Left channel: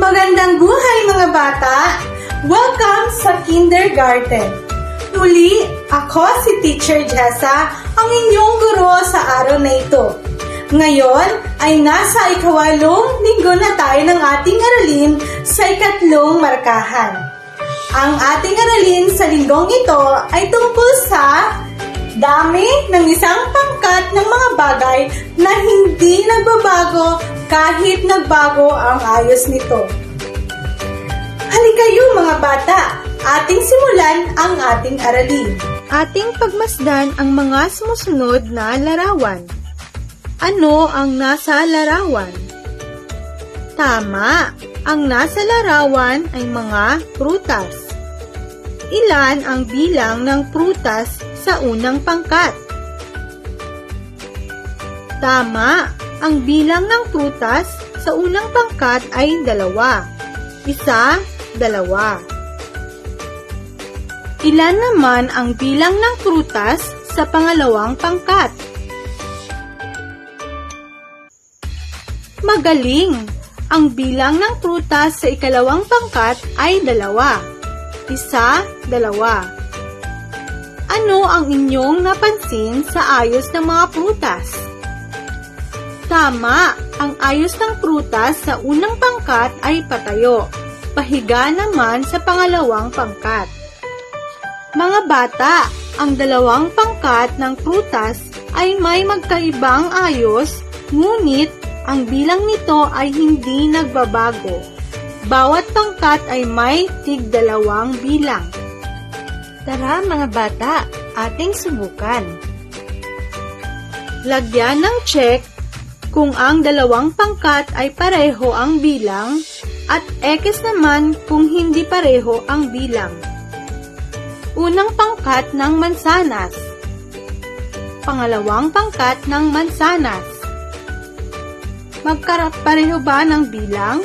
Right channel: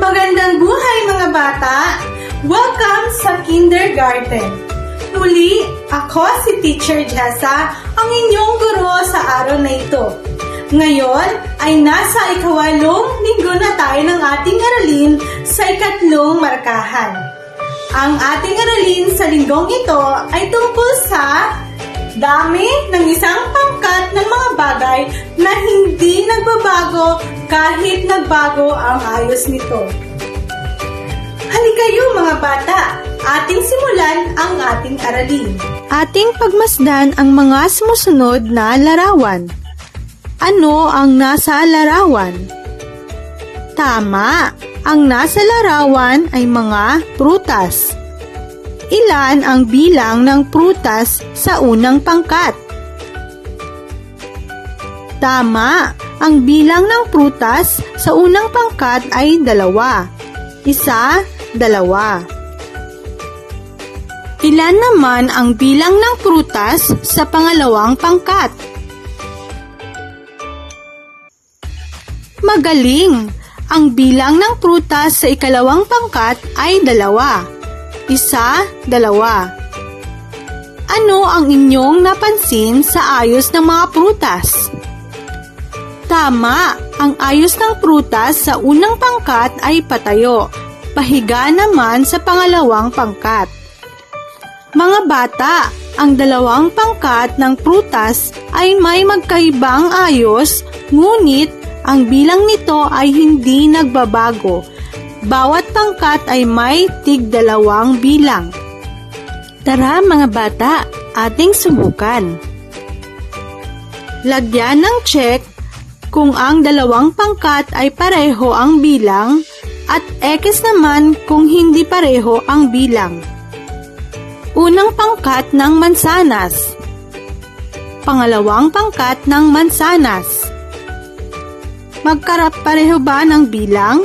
Magandang buhay mga bata! Welcome sa kindergarten! Muli, ako si Teacher Jessa, ang inyong guro sa araw na ito. Ngayon ay nasa ikawalong linggo na tayo ng ating aralin sa ikatlong markahan. Ang ating aralin sa linggong ito ay tungkol sa dami ng isang pangkat bagay na hindi nagbabago kahit nagbago ang ayos nito. Halikayo mga bata, ating simulan ang ating aralin. Ating pagmasdan ang mga sumusunod na larawan. Ano ang nasa larawan? Tama, ang nasa larawan ay mga prutas. Ilan ang bilang ng prutas sa unang pangkat? Tama, ang bilang ng prutas sa unang pangkat ay dalawa. Isa, dalawa. Ilan naman ang bilang ng prutas sa pangalawang pangkat? Magaling! Ang bilang ng prutas sa ikalawang pangkat ay dalawa. Isa, dalawa. Ano ang inyong napansin sa ayos ng mga prutas? Tama, ang ayos ng prutas sa unang pangkat ay patayo. Pahiga naman sa pangalawang pangkat. Mga bata, ang dalawang pangkat ng prutas ay may magkaibang ayos, ngunit ang bilang nito ay hindi nagbabago. Bawat pangkat ay may tig dalawang bilang. Tara mga bata, ating subukan. Lagyan ng check kung ang dalawang pangkat ay pareho ang bilang at X naman kung hindi pareho ang bilang. Unang pangkat ng mansanas. Pangalawang pangkat ng mansanas. Magkarap pareho ba ng bilang?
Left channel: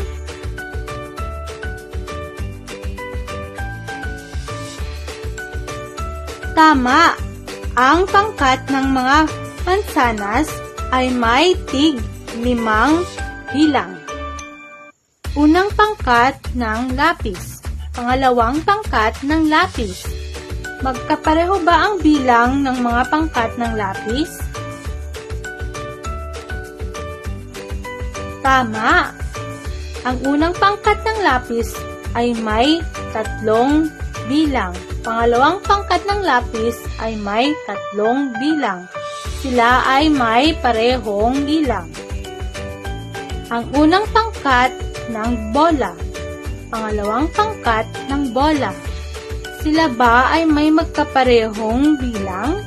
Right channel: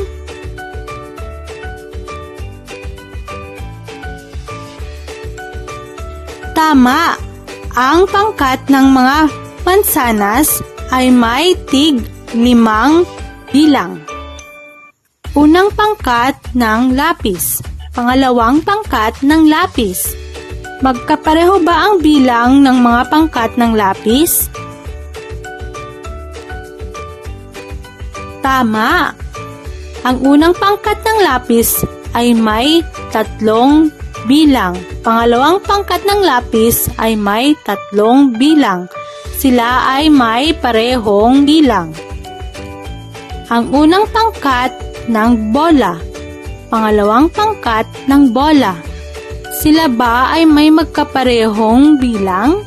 Tama! Ang pangkat ng mga mansanas ay may tig limang bilang. Unang pangkat ng lapis. Pangalawang pangkat ng lapis. Magkapareho ba ang bilang ng mga pangkat ng lapis? Tama! Ang unang pangkat ng lapis ay may tatlong bilang. Pangalawang pangkat ng lapis ay may tatlong bilang. Sila ay may parehong bilang. Ang unang pangkat ng bola. Pangalawang pangkat ng bola. Sila ba ay may magkaparehong bilang?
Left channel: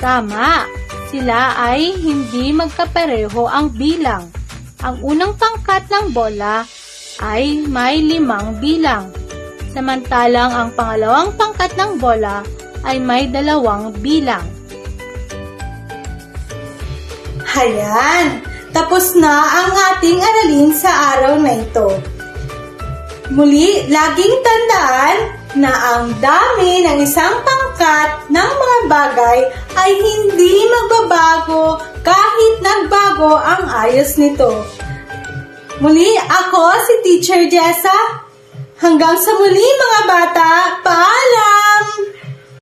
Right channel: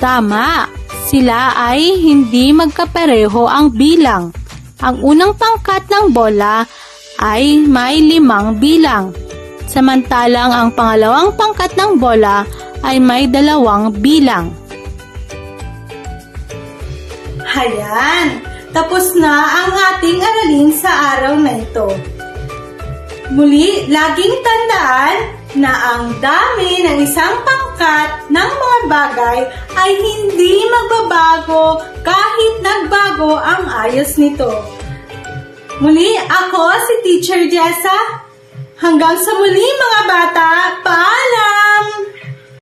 Tama, sila ay hindi magkapareho ang bilang. Ang unang pangkat ng bola ay may limang bilang. Samantalang ang pangalawang pangkat ng bola ay may dalawang bilang. Hayan! Tapos na ang ating aralin sa araw na ito. Muli, laging tandaan na ang dami ng isang pangkat ng mga bagay ay hindi magbabago kahit nagbago ang ayos nito. Muli, ako si Teacher Jessa. Hanggang sa muli mga bata, paalam!